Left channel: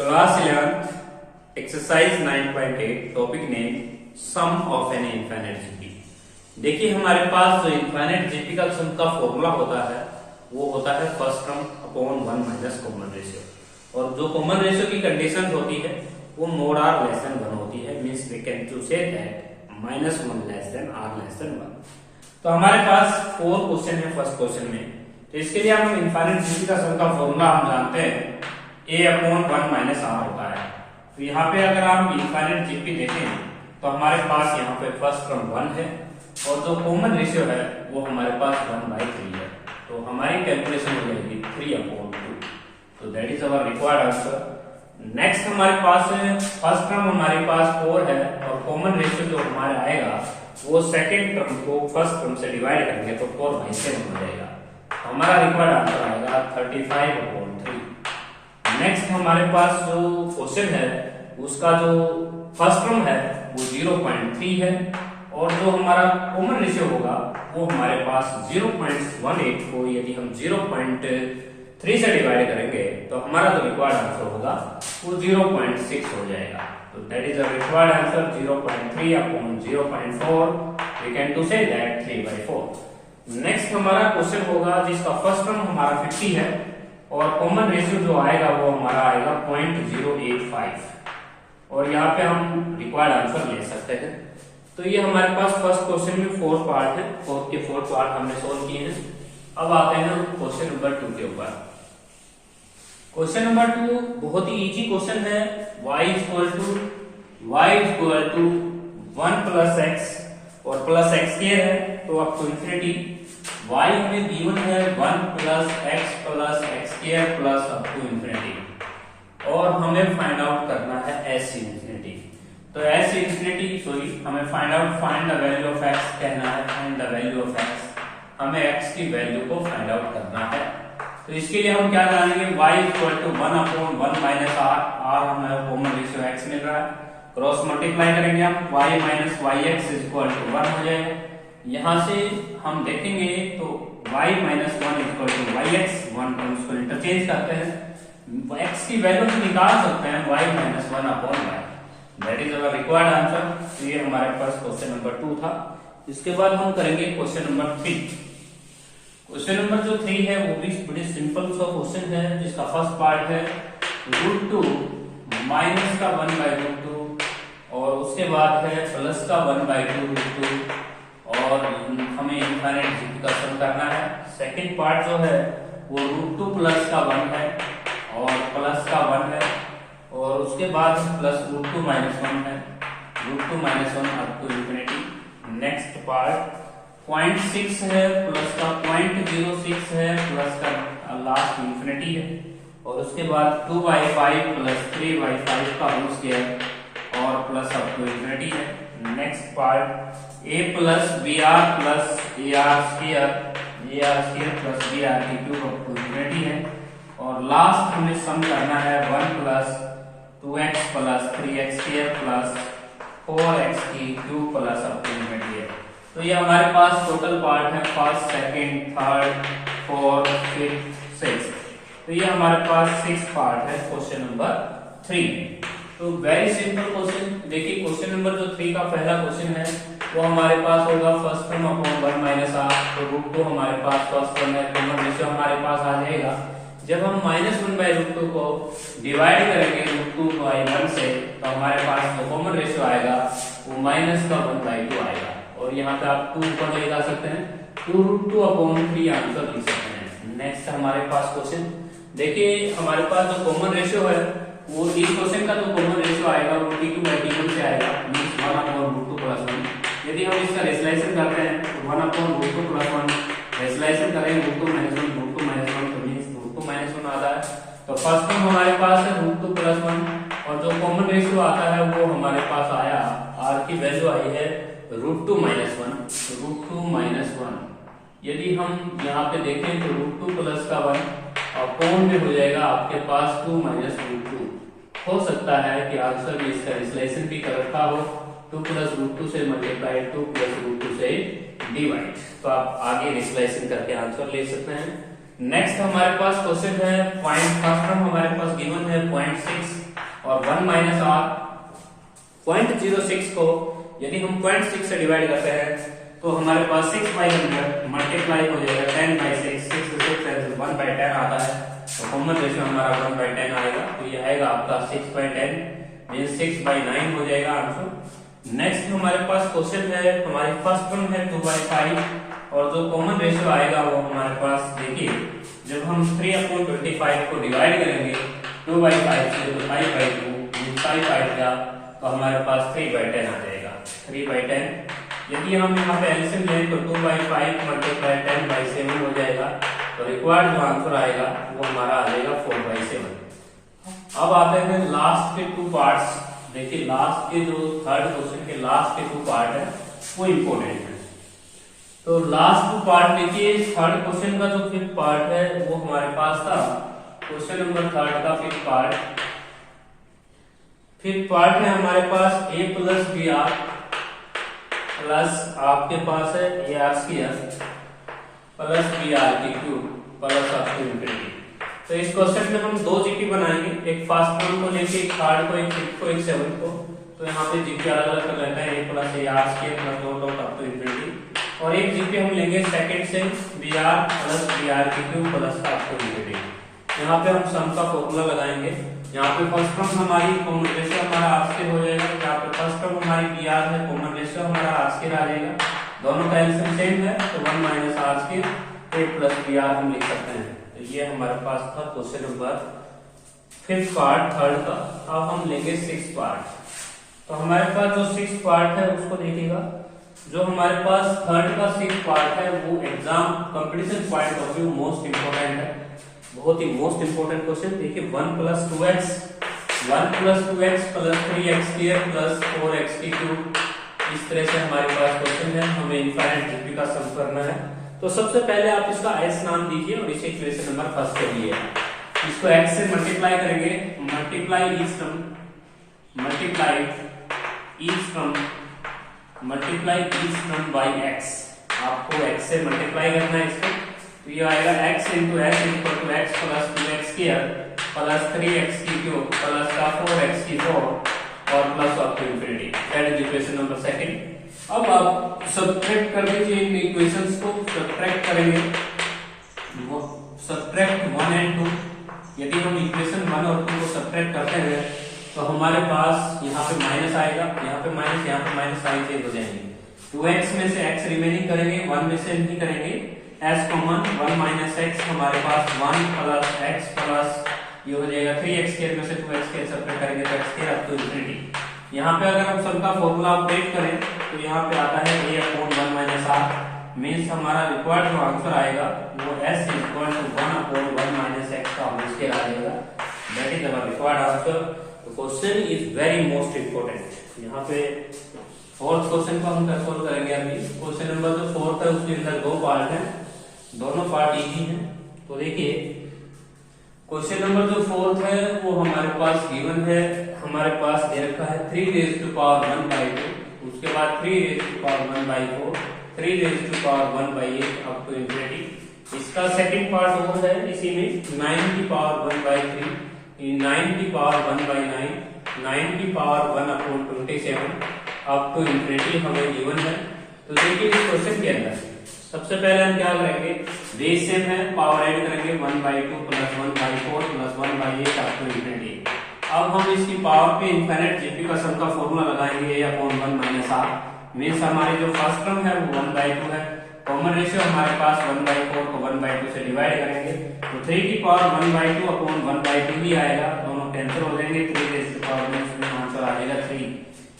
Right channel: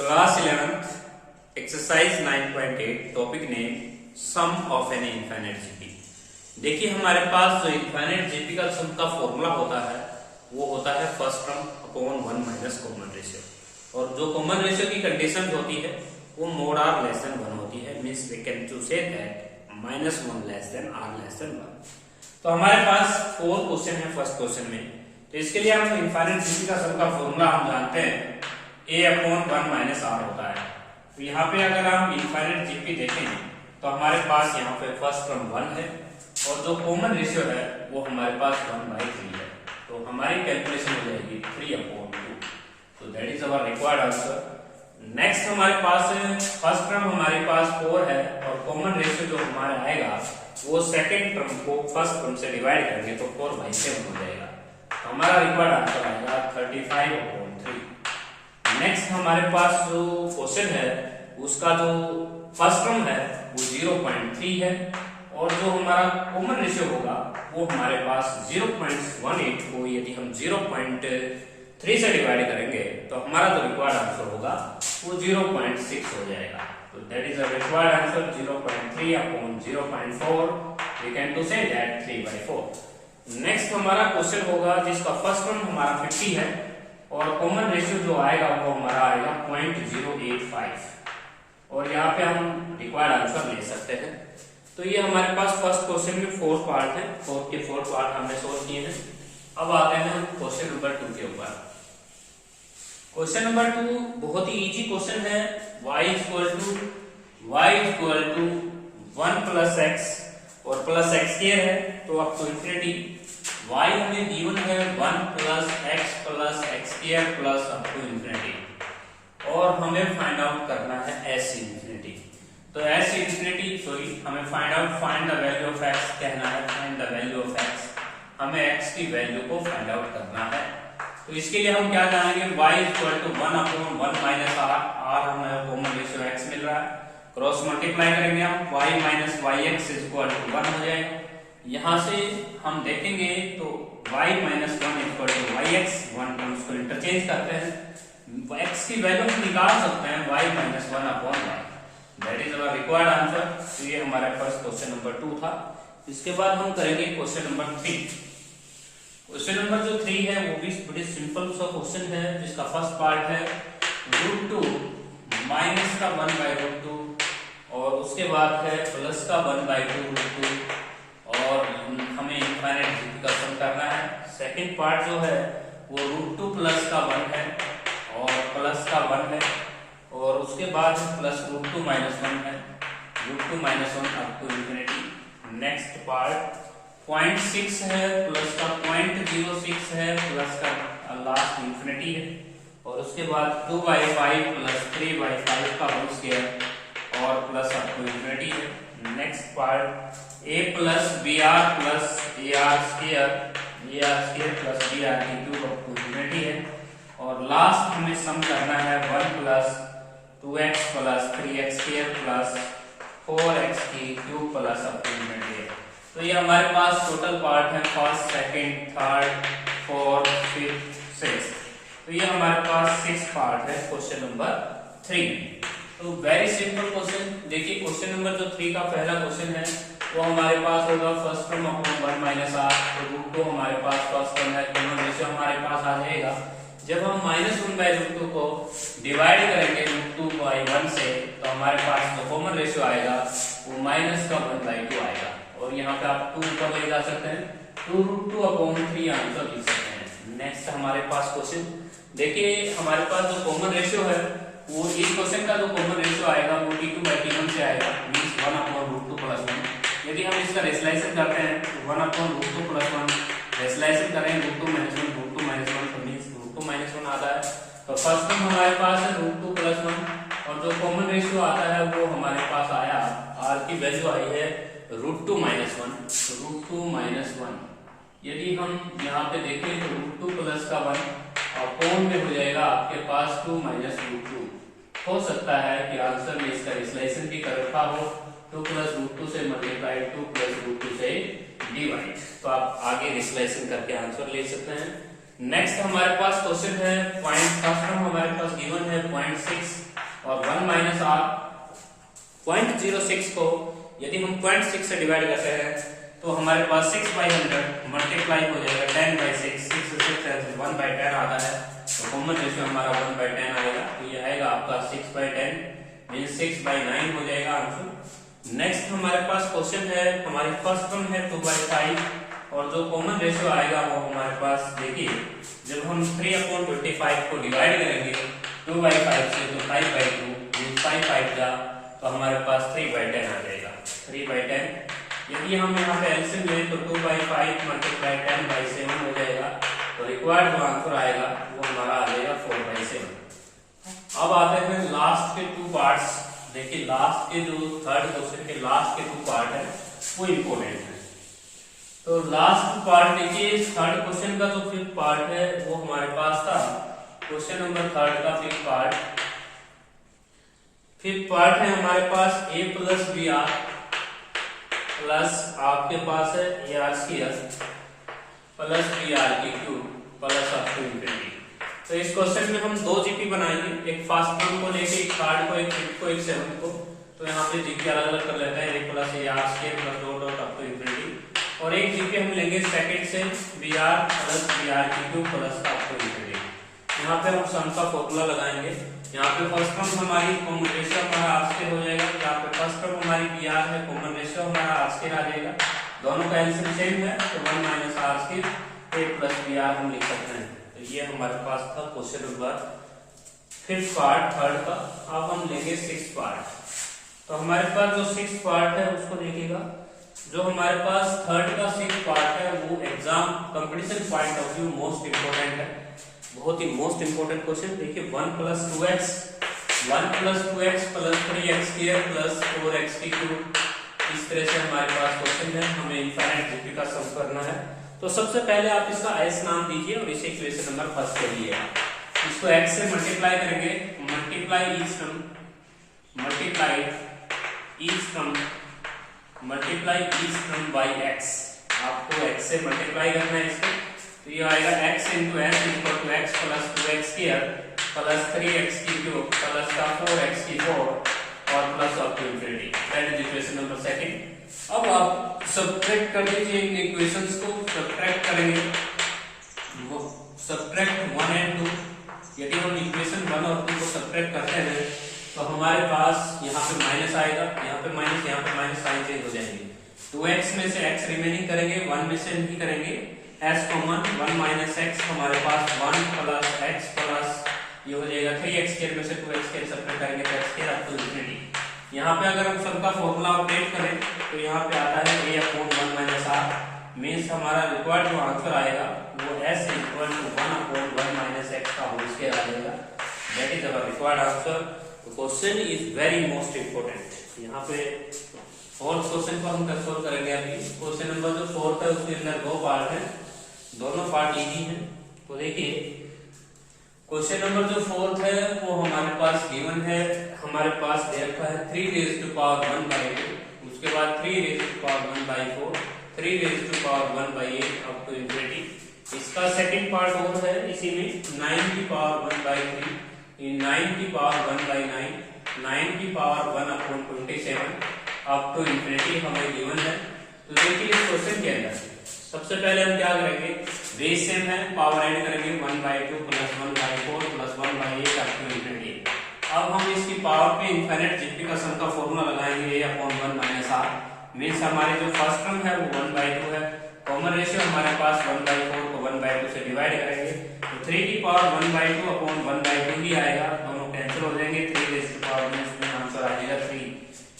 Class 11th exercise 9.8 topic name sum of an infinite GP. देखिए हमारे पास जो infinite GP का सम का फॉर्मूला होता है वो होता है first term upon 1 minus common ratio, और जो कॉमन रेशियो की कंडीशन होती है वो मोड आर लेस देन 1 होती है। Means we can to say that -1 less than or less than 1। तो हमारे पास 4 क्वेश्चन है फर्स्ट क्वेश्चन में। तो इसके लिए हम इनफाइनाइट जीपी का सम का फॉर्मूला हम जानते हैं a अपॉन 1 माइनस आर होता है। तो यहाँ पे अगर हम इनफाइनाइट जीपी देखें तो हमारे पास यहाँ पे फर्स्ट टर्म 1 है और जो कॉमन रेशियो है वो हमारे पास 1/3 है। तो हमारी कैलकुलेशन हो जाएगी 3 अपॉन 2। तो that is our required answer. Next हमारे पास फर्स्ट टर्म हमारे पास 4 है और कॉमन रेशियो जो हमारे आएगा वो सेकेंड टर्म को फर्स्ट टर्म से डिवाइड करेंगे तो 4/7 हो जाएगा। हमारा रिक्वायर्ड आंसर आएगा 35 अपॉन 3। नेक्स्ट हमारे पास जो क्वेश्चन है उसका जो फर्स्ट टर्म है वो 0.3 है और जो हमारा कॉमन रेशियो होगा वो हमारे पास 0.18 को यदि हम 0.3 से डिवाइड करेंगे तो हमारा जो रिक्वायर्ड आंसर होगा वो 0.6 हो जाएगा। तो that is a required answer 0.3 upon 0.4। We can to say that 3/4। Next हमारा क्वेश्चन होगा जिसका फर्स्ट टर्म हमारा 50 है और कॉमन रेशियो जो आएगा वो हमारा आएगा 0.085 और यहाँ पे हम रिक्वायर्ड आंसर ले सकते हैं। तो ये हमारे पास फर्स्ट क्वेश्चन में 4 पार्ट है, 4 पार्ट हमने सोल्व किए हैं। अब आते हैं क्वेश्चन नंबर 2 के ऊपर। क्वेश्चन नंबर 2 बहुत ही इजी क्वेश्चन है। y equal to 1 plus x और प्लस एक्स स्क्वायर है तो अप टू इंफिनिटी। y हमें गिवन है 1 plus x square plus up to infinity और हमें फाइंड आउट करना है s इंफिनिटी। तो s इंफिनिटी हमें find the value of x कहना है। Find the value of x, हमें x की वैल्यू को फाइंड आउट करना है। तो इसके लिए हम क्या जानेंगे, y equal to 1 upon 1 minus r। हमें कॉमन रेशियो x मिल रहा है, क्रॉस मल्टीप्लाई करेंगे हम y minus yx equal to 1 हो जाएगा। यहां से हम देखेंगे तो y minus 1 equal to yx, 1 terms को इंटरचेंज करते हैं, x की वैल्यू निकाल सकते हैं y minus 1 upon y। That is our required answer. तो ये हमारे पास क्वेश्चन नंबर 2 था। इसके बाद हम करेंगे क्वेश्चन नंबर 3। क्वेश्चन नंबर जो 3 है वो भी बड़ी सिंपल सा क्वेश्चन है जिसका फर्स्ट पार्ट है √2 माइनस का 1/√2 और उसके बाद है प्लस का 1/2√2 और हमें इनफाइनाइट जीपी का सम करना है। सेकंड पार्ट जो है वो √2 प्लस का 1 है और प्लस का 1 है और उसके बाद प्लस √2 माइनस 1 है, √2 minus 1 up to infinity. Next part 0.6 है प्लस का 0.06 है प्लस का लास्ट इंफिनिटी है और उसके बाद 2/5 प्लस 3/5 का होल स्क्वायर और प्लस अप टू इंफिनिटी है। Next part a plus br plus ar square plus br की क्यूब अप टू इंफिनिटी है और लास्ट हमें सम करना है 1 plus 2x plus 3x square plus 4x की cube plus up to infinity है। तो ये हमारे पास टोटल पार्ट है first, second, third, fourth, fifth, sixth. तो ये हमारे पास 6 पार्ट है क्वेश्चन नंबर 3। तो वेरी सिंपल क्वेश्चन। देखिए क्वेश्चन नंबर जो 3 का पहला क्वेश्चन है वो हमारे पास होगा first term upon 1 minus r। तो √2 हमारे पास फर्स्ट टर्म है, कॉमन रेशियो हमारे पास आ जाएगा। जब हम -1/√2 को डिवाइड करेंगे √2/1 से तो हमारे पास जो कॉमन रेशियो आएगा वो माइनस का 1/2 आएगा और यहाँ पे आप 2 ऊपर ले जा सकते हैं, 2√2 अपॉन 3 आंसर लिख सकते हैं। नेक्स्ट हमारे पास क्वेश्चन देखिए, हमारे पास जो कॉमन रेशियो है वो इस क्वेश्चन का जो कॉमन रेशियो आएगा वो t2/t1 से आएगा, मींस 1 अपॉन √2 प्लस 1। यदि हम इसका रेशनलाइजेशन करते हैं तो 1 अपॉन √2 प्लस 1 रेशनलाइजेशन करेंगे √2 माइनस 1 तो मींस √2 माइनस 1 आता है। तो फर्स्ट टर्म हमारे पास है √2 प्लस 1 और जो कॉमन रेशियो आता है वो हमारे पास आया, r की वैल्यू आई है √2 माइनस 1। √2 माइनस 1 यदि हम यहाँ पे देखें तो √2 प्लस का 1 अपॉन में हो जाएगा आपके पास 2 माइनस √2। हो सकता है कि आंसर में इसका रिलेशन भी कर रखा हो, 2 प्लस √2 से मल्टीप्लाइड 2 प्लस √2 से डिवाइड। तो आप आगे रिलेशन करके आंसर ले सकते हैं। नेक्स्ट हमारे पास क्वेश्चन है पॉइंट फर्स्ट टर्म हमारे पास गिवन है 0.6 और 1 माइनस आर। 0.06 को यदि हम 0.6 से डिवाइड करते हैं तो हमारे पास 6/100 मल्टीप्लाई हो जाएगा 10/6, 6 से 6 1/10 आता है, तो कॉमन रेशियो हमारा 1/10 आएगा, तो ये आएगा आपका 6/10 मींस 6/9 हो जाएगा आंसर। नेक्स्ट हमारे पास क्वेश्चन है हमारी फर्स्ट टर्म है 2/5 और जो कॉमन रेशियो आएगा वो हमारे पास देखिए जब हम 3/25 को डिवाइड करेंगे 2/5 से तो 5/2 5/5 का तो हमारे पास 3/10 आ जाएगा 3/10। यदि हम यहाँ पे एलसीएम लें तो 2/5 मल्टीप्लाई 10/7 हो जाएगा, तो रिक्वायर्ड जो आंसर आएगा वो हमारा आ जाएगा 4/7। अब आते हैं लास्ट के 2 पार्ट्स। देखिए लास्ट के जो थर्ड क्वेश्चन के लास्ट के 2 पार्ट है वो इम्पोर्टेंट है। तो लास्ट पार्ट देखिए थर्ड क्वेश्चन का जो 5th पार्ट है वो हमारे पास था क्वेश्चन नंबर 3 का 5th पार्ट। 5th पार्ट है हमारे पास a plus B R plus आपके पास है A R square plus B R की cube plus up to infinity. तो इस क्वेश्चन में हम 2 जीपी बनाएंगे, एक फर्स्ट टर्म को लेके एक थर्ड को, एक 5th को, एक 7th को। तो यहाँ पे जीपी अलग अलग कर लेते हैं, a plus A R square plus dot dot up to infinity, और एक जीपी हम लेंगे सेकंड से B R plus B R की cube plus up to infinity. यहाँ पे हम सम का फॉर्मूला लगाएंगे। यहाँ पे फर्स्ट टर्म हमारी कॉमन रेशियो हमारा आर स्क्वायर हो जाएगा, यहाँ पे फर्स्ट टर्म हमारी बी आर है, कॉमन रेशियो हमारा आर स्क्वायर आ जाएगा, दोनों का एलसीएम सेम है तो 1 minus r square a plus B r हम लिख सकते हैं। तो ये हमारे पास था question number 5th part third का। अब हम लेंगे 6th पार्ट। तो हमारे पास जो 6th पार्ट है उसको देखिएगा, जो हमारे पास थर्ड का 6th पार्ट है वो exam competition point of view most important है, बहुत ही मोस्ट इंपोर्टेंट क्वेश्चन। देखिए 1 + 2x 1 + 2x plus 3x² plus 4x cube, इस तरह से हमारे पास क्वेश्चन है, हमें इनफाइनाइट डिग्री का सम करना है। तो सबसे पहले आप इसका s नाम दीजिए और इसे इक्वेशन नंबर फर्स्ट करिए। इसको x से मल्टीप्लाई करेंगे, multiply each term by x। आपको x से मल्टीप्लाई करना है इसको, तो ये आएगा x × s = x + 2x² plus 3x³ plus 4x4 और plus up to infinity. That is equation number second. अब आप सब्ट्रैक्ट कर दीजिए इन इक्वेशंस को, सब्ट्रैक्ट करेंगे वो सब्ट्रैक्ट 1 और 2। यदि हम इक्वेशन 1 और 2 को सब्ट्रैक्ट करते हैं तो हमारे पास यहाँ पे माइनस आएगा, यहाँ पे माइनस साइन चेंज हो जाएंगे। 2x में से x रिमेनिंग करेंगे, 1 में से नहीं करेंगे, s कॉमन 1 माइनस x हमारे पास 1 प्लस x प्लस ये हो जाएगा 3x² में से 2x² सब्ट्रैक्ट करेंगे तो x² अप टू इंफिनिटी। यहाँ पे अगर हम सम का फॉर्मूला अपडेट करें तो यहाँ पे आता है a/1 माइनस r, मींस हमारा रिक्वायर्ड जो आंसर आएगा वो s = 1/1 माइनस x का होल स्क्वायर आ जाएगा। That is our required answer. तो question is very most important. यहाँ पे फोर्थ क्वेश्चन को हम सोल्व करेंगे अभी। क्वेश्चन नंबर जो 4 है उसके अंदर 2 पार्ट है, दोनों पार्ट इजी हैं। तो देखिए क्वेश्चन नंबर जो 4 है वो हमारे पास गिवन है, हमारे पास दे रखा है 3⁻1/2, उसके बाद 3⁻1/4, 3⁻1/8 अप टू इंफिनिटी। इसका सेकंड पार्ट और है इसी में 9⁻1/3, 9⁻1/9, 9⁻1/27 अप टू इंफिनिटी हमें गिवन है। तो देखिए इस क्वेश्चन के अंदर सबसे पहले हम क्या करेंगे, बेस सेम है, पावर ऐड करेंगे 1/2 plus 1/4 plus 1/8 up to infinity. अब हम इसकी पावर पे इनफाइनाइट जीपी का सम का फॉर्मूला लगाएंगे a/1 माइनस r, मींस हमारे जो फर्स्ट टर्म है वो 1/2 है, कॉमन रेशियो हमारे पास 1/4 को 1/2 से डिवाइड करेंगे तो 3⁻1/2/1/2 ही आएगा, दोनों कैंसिल हो जाएंगे, 3 में इसमें आंसर आ जाएगा 3।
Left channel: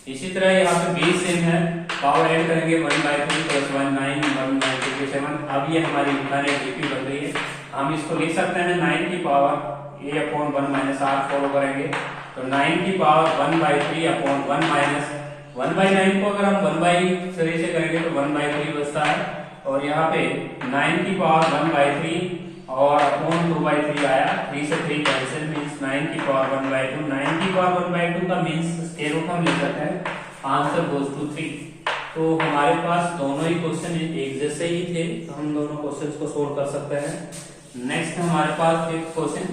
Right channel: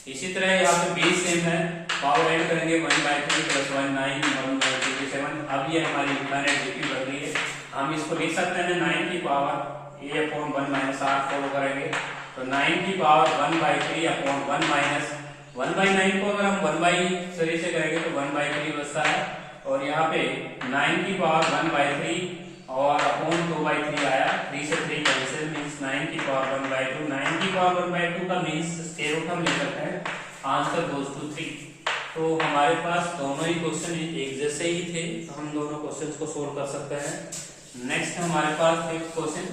इसी तरह यहाँ पे बेस सेम है, पावर ऐड करेंगे 1/3 प्लस 1 9 1/27। अब ये हमारी इनफाइनाइट जीपी बन रही है, हम इसको लिख सकते हैं 9 की power a/1 minus r follow करेंगे तो 9 की पावर 1/3/1 माइनस 1/9 को अगर हम 1/3 से करेंगे तो 1/3 बचता है, और यहाँ पे 9 की पावर 1/3 और अपॉन 2/3 आया, 3 से 3 कैंसिल, मींस 9 की पावर 1/2, 9 की पावर 1/2 का मींस स्क्वायर रूट हम ले सकते हैं, आंसर गोज टू 3। तो हमारे पास दोनों ही क्वेश्चन एक जैसे ही थे, तो हम दोनों क्वेश्चंस को सोल्व कर सकते हैं। नेक्स्ट हमारे पास फिफ्थ क्वेश्चन।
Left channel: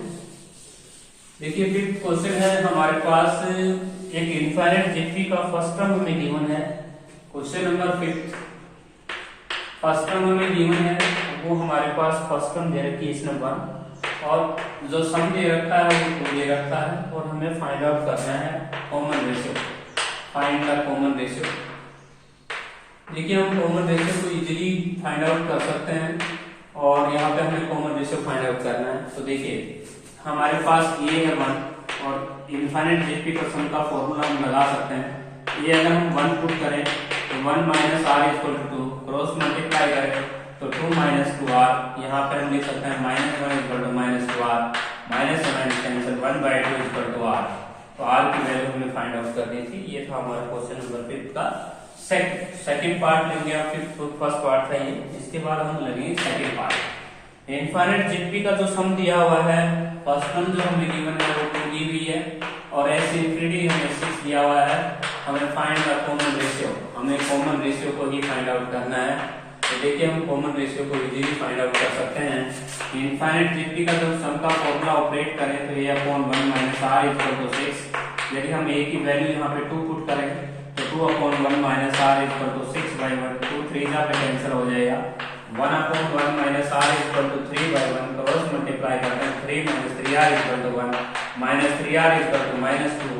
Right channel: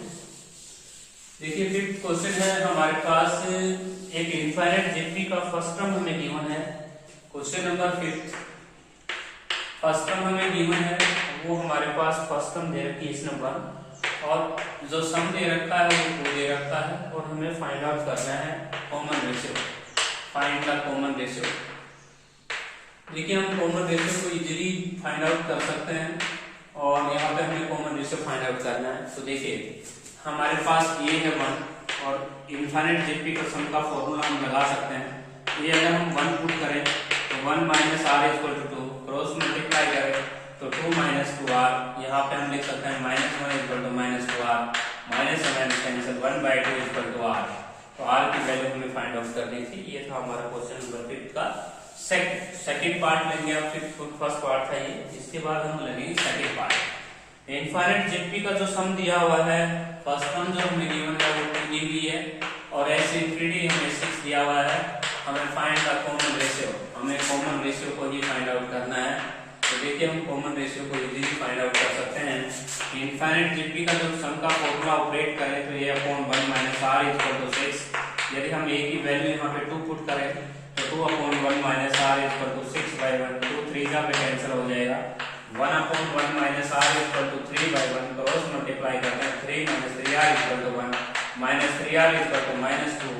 देखिए फिफ्थ क्वेश्चन है हमारे पास एक इनफाइनाइट जीपी का फर्स्ट टर्म हमें गिवन है। Question number fifth first term हमें गिवन है, वो हमारे पास फर्स्ट टर्म दे रखी है इस नंबर, और जो सम दे रखा है वो दे रखा है, और हमें फाइंड आउट करना है common ratio, find the common ratio. देखिए हम कॉमन रेशियो को इजीली फाइंड आउट कर सकते हैं, और यहाँ पे हमें कॉमन रेशियो फाइंड आउट करना है। तो देखिए हमारे पास ये है 1, और इनफाइनाइट जीपी का सम का फॉर्मूला हम लगा सकते हैं। ये अगर हम 1 पुट करें तो 1 minus r equal to 2, cross multiply करें तो 2 माइनस 2r, यहाँ पे हम लिख सकते हैं -1 equal to -2r, minus minus cancel 1/2 equal to r। तो r की वैल्यू हमें फाइंड आउट करनी थी। ये था हमारा क्वेश्चन नंबर 5 का सेकंड पार्ट लेंगे। आप फर्स्ट पार्ट था ये, इसके बाद हम लेंगे सेकंड पार्ट। इनफाइनाइट जीपी का जो सम दिया हुआ है, फर्स्ट सम जो हमें गिवन है वो 2 दी हुई है, और s इंफिनिटी हमें 6 दिया हुआ है। हमें फाइंड द कॉमन रेशियो, हमें कॉमन रेशियो को ही फाइंड आउट करना है। तो देखिए हम कॉमन रेशियो को इजीली फाइंड आउट कर सकते हैं। इनफाइनाइट जीपी का जो सम का फॉर्मूला ऑपरेट करें तो a/1 minus r equal to 6। यदि हम a की वैल्यू यहाँ पे 2 पुट करें तो 2/1 माइनस r इक्वल टू 6/1, 2 3 जा पे कैंसिल हो जाएगा। 1/1 minus r equal to 3/1, cross multiply करते हैं 3 minus 3r equal to 1, minus 3r equal to -2,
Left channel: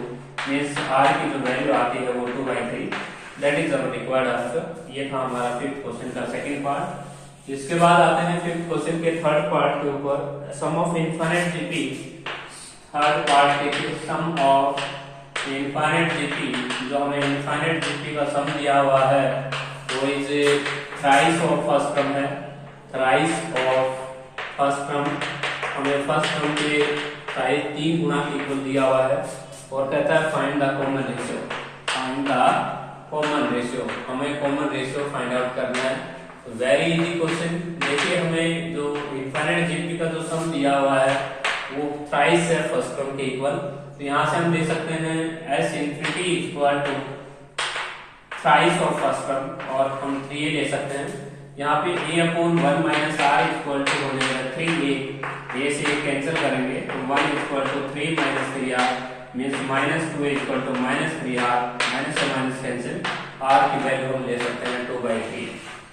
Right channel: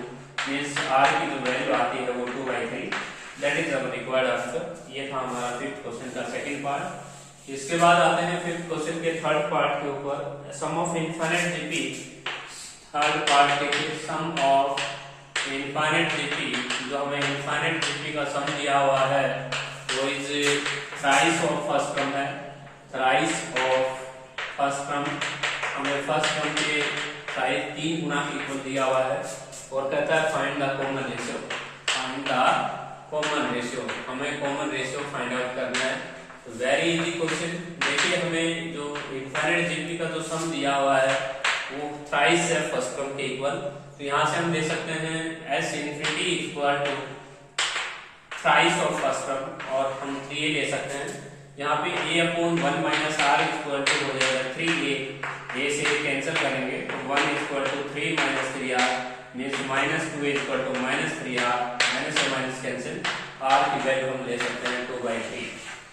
means r की जो वैल्यू आती है वो 2/3। That is our required answer. ये था हमारा फिफ्थ क्वेश्चन का सेकंड पार्ट। इसके बाद आते हैं फिफ्थ क्वेश्चन के थर्ड पार्ट के ऊपर, sum of infinite GP. Third part के सम ऑफ इनफाइनाइट जीपी, जो हमें इनफाइनाइट जीपी का सम दिया हुआ है वो is thrice of first term है, थ्राइस ऑफ फर्स्ट टर्म। हमें फर्स्ट टर्म के थ्राइस 3 गुना के इक्वल दिया हुआ है, और कहता है find the common ratio, find the common ratio. हमें कॉमन रेशियो फाइंड आउट करना है। Very easy question. देखिए हमें जो इनफाइनाइट जीपी का जो सम दिया हुआ है वो थ्राइस है फर्स्ट टर्म के इक्वल। तो यहाँ से हम दे सकते हैं s infinity equal to thrice of first term, और हम 3a ले सकते हैं। यहाँ पे a/1 minus r equal to हो जाएगा 3a, से कैंसिल करेंगे तो 1 equal to 3 minus 3r, means -2 equal to -3r, minus से माइनस कैंसिल, r की वैल्यू हम ले सकते हैं 2/3।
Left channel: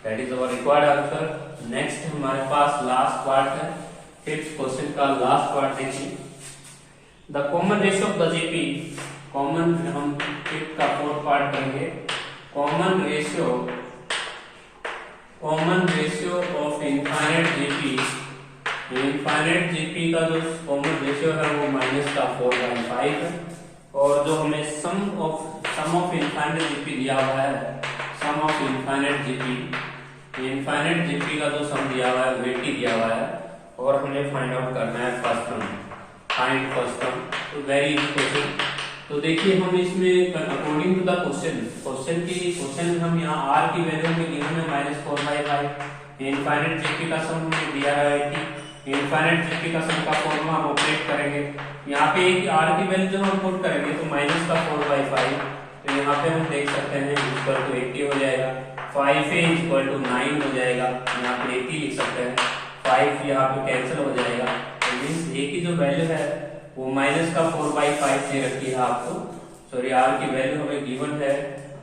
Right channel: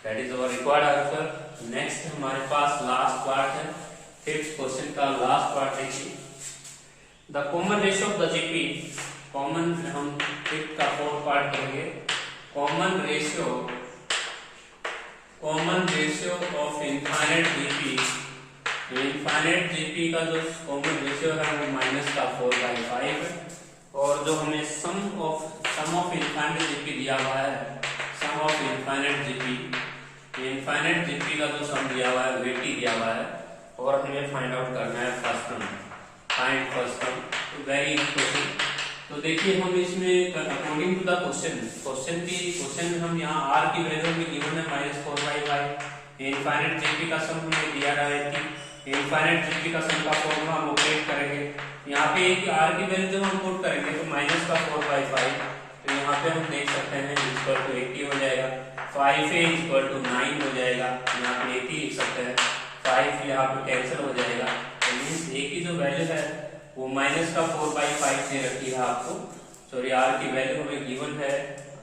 That is our required answer. Next हमारे पास लास्ट पार्ट है, फिफ्थ क्वेश्चन का लास्ट पार्ट देखिए। The common ratio of the GP, common हम फिफ्थ का फोर्थ पार्ट करेंगे। Common ratio of infinite GP. Infinite GP का जो कॉमन रेशियो है वो -4/5 है, और जो हमें सम ऑफ इनफाइनाइट जीपी दिया हुआ है, sum of infinite GP, infinite GP का जो सम दिया हुआ है वो 80 दिया हुआ है, और हमें फाइंड आउट करना है first term, find first term. तो वेरी इजी क्वेश्चन। तो देखिए हम इसमें अकॉर्डिंग टू द क्वेश्चन हम यहाँ r की वैल्यू में गिवन है -4/5, इनफाइनाइट जीपी का सम हमें दिया है कि इनफाइनाइट जीपी का सम का फॉर्मूला हम ऑपरेट करेंगे। यहाँ पे एक r की वैल्यू जब हम पुट करेंगे तो -4/5, तो यहाँ पे हम देख सकते हैं इक्वल टू 80 हो जाएगा, 5a इक्वल टू 9 हो जाएगा, यहाँ पे 80 लिख सकते हैं, 5 यहाँ पे कैंसिल हो जाएगा। तो मींस a की जो वैल्यू है वो -4/5 से रखी है आपको, सॉरी r की वैल्यू हमें गिवन है,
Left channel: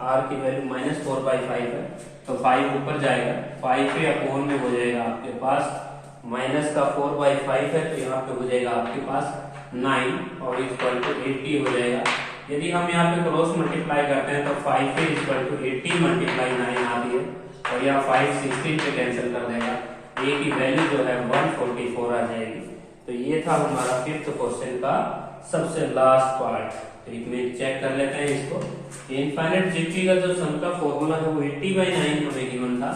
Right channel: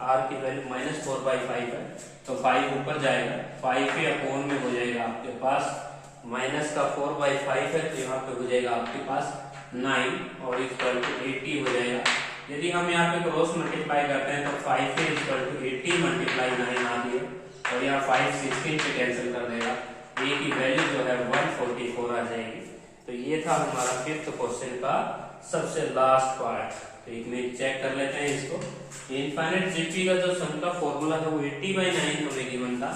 r की वैल्यू -4/5 है, तो 5 ऊपर जाएगा, 5 के अपॉन में हो जाएगा आपके पास -4/5 है, तो यहाँ पे हो जाएगा आपके पास 9 और इक्वल टू 80 हो जाएगा। यदि हम यहाँ पे क्रॉस मल्टीप्लाई करते हैं तो 5 के इक्वल टू 80 मल्टीप्लाई 9 आती है, और यहाँ 5 16 से कैंसिल कर देगा, a की वैल्यू जो है 144 आ जाएगी। तो ये था हमारा फिफ्थ क्वेश्चन का सबसे लास्ट पार्ट। तो एक मिनट चेक कर लेते हैं इसको। इनफाइनाइट जीपी का जो सम का फॉर्मूला था वो 80/9 हमें गिवन था,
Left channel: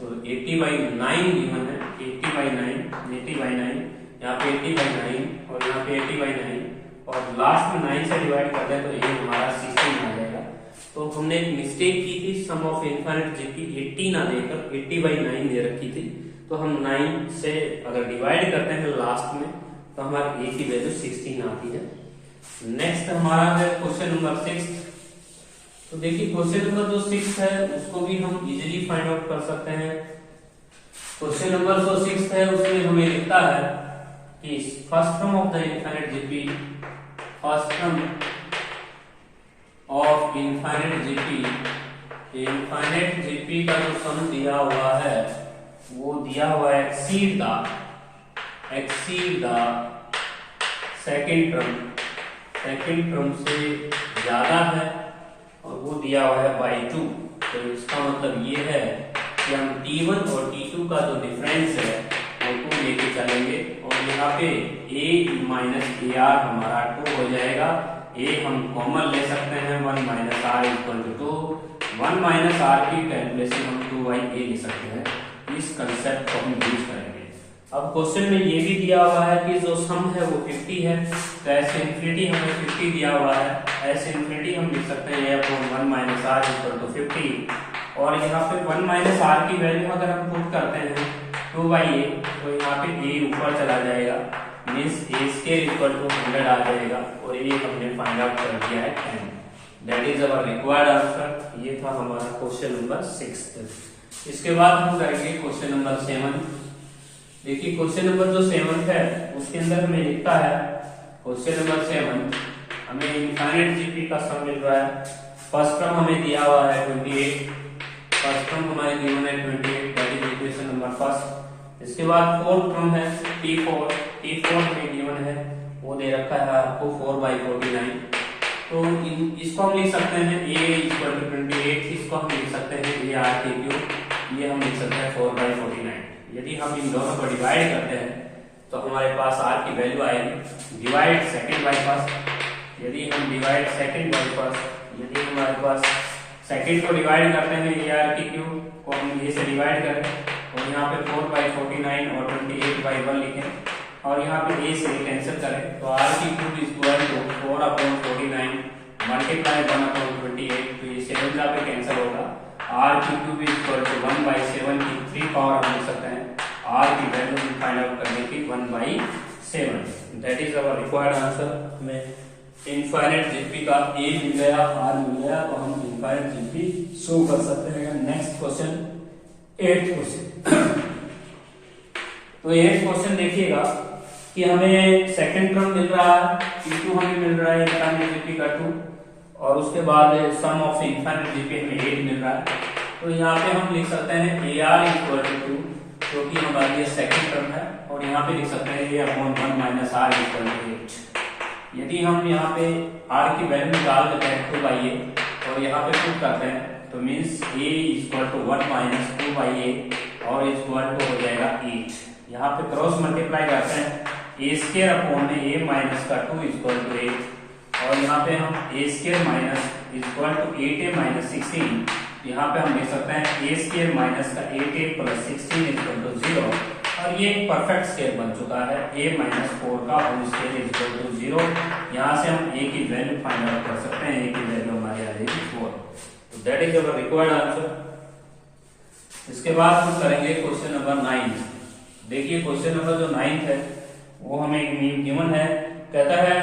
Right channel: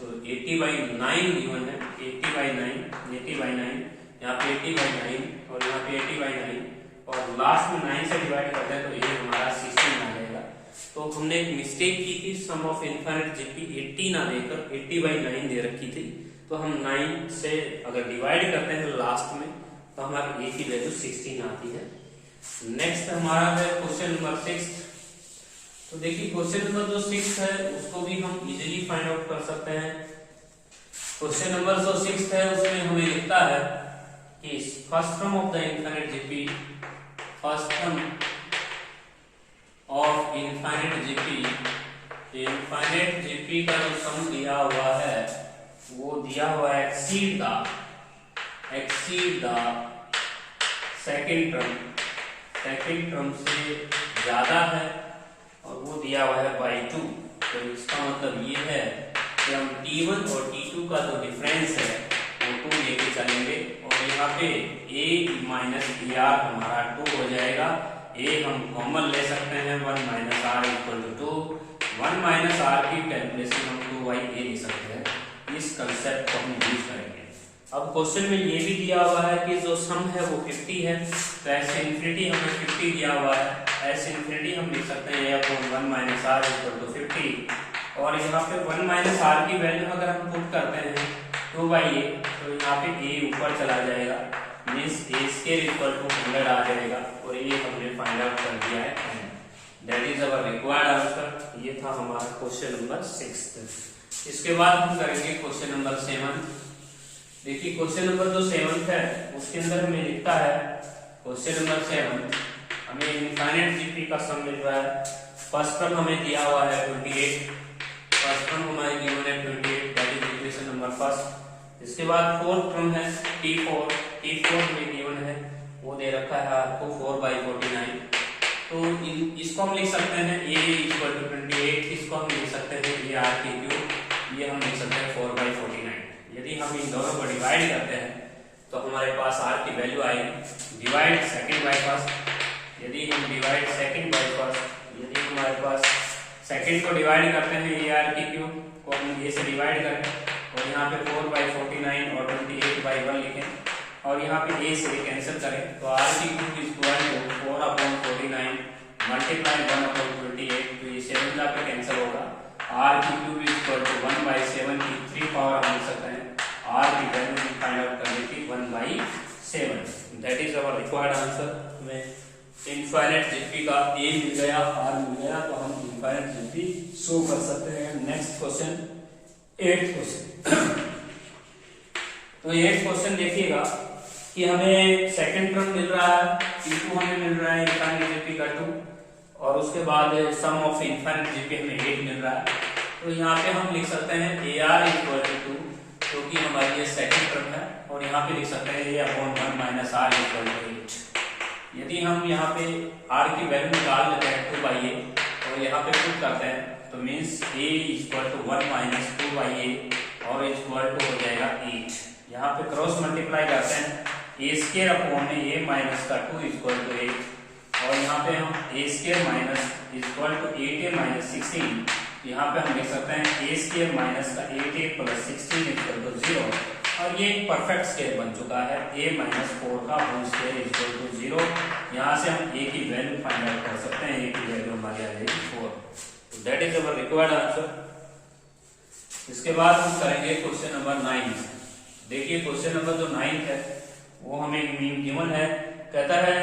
तो 80/9 गिवन है, 80/9, यहाँ पे 80/9 और यहाँ पे 80/9, और लास्ट में 9 से डिवाइड करते हैं तो ये हमारा 16 आ जाएगा। तो हमने एक मिस्टेक की थी, सम ऑफ इनफाइनाइट जीपी 80 ना देकर 80/9 दे रखी थी, तो हम 9 से अगर डिवाइड करते हैं लास्ट में तो हमारी a की वैल्यू 16 आती है। नेक्स्ट हमारा है क्वेश्चन नंबर 6। तो देखिए क्वेश्चन नंबर जो 6 है उसको भी हम इजीली फाइंड आउट कर सकते हैं। क्वेश्चन नंबर 6 है, उसमें हमें लिखता है कि first term of the infinite GP, first term of infinite GP, infinite GP का जो सम दिया हुआ है वो दिया हुआ है एक्सीड द सेकंड टर्म से ज्यादा है और वो दिया हुआ है बाई 2। तो इसका मतलब ये है कि हम T1 और T2 का जो डिफरेंस है वो 2 लेके चलेंगे और यहाँ पे a माइनस AR हमारा 2 हो जाएगा। a हम कॉमन ले सकते हैं, 1 minus r equal to 2, 1 minus r की टेम्पलेशन हम 2/a ले सकते हैं। इस कंसेप्ट को हम यूज करेंगे। अब क्वेश्चन में ये भी दिया हुआ है कि जो सम है वो 50 है, तो ऐसे इन्फिनिटी हमें 50 दिया हुआ है, ऐसे इन्फिनिटी हम लिख सकते हैं upon 1 minus r equal to 50। और यहाँ पे 1 माइनस आर की वैल्यू अगर हम पुट करते हैं 2/a, तो यहाँ पे a ऊपर चला जाएगा, means a square equal to 100 आ जाएगा और ये हमने फाइंड आउट कर दिया है 10। That is our required answer. ये था हमारा क्वेश्चन नंबर 6। इसके बाद हम करेंगे क्वेश्चन नंबर 7। देखिए क्वेश्चन नंबर जो 7 है उसके अंदर हमें लिखता है, क्वेश्चन नंबर 7 हमें इनफाइनाइट जीपी का सम मिल रहा है। फर्स्ट टर्म हमें दिया हुआ है 28, फर्स्ट टर्म हमारे गिवन है 28, that is equation number first. इसके बाद फोर्थ टर्म है T4 हमें गिवन है, वो दे रखा है आपको 4/49। तो इसको हम लिख सकते हैं a इक्वल टू 28, इसको हम लिख सकते हैं AR3, ये हम लिख सकते हैं 4/49। यदि हम इन दोनों को डिवाइड करते हैं तो हमारे पास r की वैल्यू आएगी डिवाइड सेकंड बाय फर्स्ट। यदि हम डिवाइड सेकंड बाय फर्स्ट, यदि हमारे पास सेकंड को डिवाइड करते हैं AR3 को हम a से डिवाइड करें और यहाँ पे 4/49 और 28/1 लिखें और यहाँ पे a से a कैंसिल करें तो R3 इक्वल टू 4/49 मल्टीप्लाई 1/28, तो ये 7 पे कैंसिल होगा। R3 इक्वल टू 1/7 की 3 पावर हम लिख सकते हैं, R की वैल्यू फाइंड आउट करने की 1/7। That is our required answer. हमें इनफाइनाइट जीपी का a मिल गया, R मिल गया, तो हम इनफाइनाइट जीपी शो कर सकते हैं। Next question 8 question. तो 8 क्वेश्चन देखिएगा कि हमें सेकंड टर्म मिल रहा है, T2 हमें मिल रहा है इनफाइनाइट जीपी का 2 और उसके बाद सम ऑफ इनफाइनाइट जीपी हमें 8 मिल रहा है। तो यहाँ पे हम लिख सकते हैं AR इक्वल टू 2, क्योंकि हमारी ये सेकंड टर्म है, और यहाँ पे लिख सकते हैं ये upon 1 minus r equal to 8। यदि हम यहाँ पे r की वैल्यू निकाल देते हैं 2/a और यहाँ पे पुट करते हैं तो means a equal to 1 minus 2/a और इक्वल टू हो जाएगा 8। यहाँ पे क्रॉस मल्टीप्लाई करते हैं a स्क्वायर अपॉन में a माइनस का 2 इक्वल टू 8 और यहाँ पे हम a square minus equal to 8a minus 16, यहाँ पे हम लिख सकते हैं a स्क्वायर माइनस का 8a प्लस 16 इक्वल टू 0 और ये एक परफेक्ट स्क्वायर बन चुका है a माइनस 4 का होल स्क्वायर इक्वल टू 0। यहाँ से हम a की वैल्यू फाइंड आउट कर सकते हैं, a की वैल्यू हमारी आ जाएगी 4। तो that is our required answer. इसके बाद हम करेंगे क्वेश्चन नंबर 9। देखिए क्वेश्चन नंबर जो 9 है वो हमें गिवन है, कहता है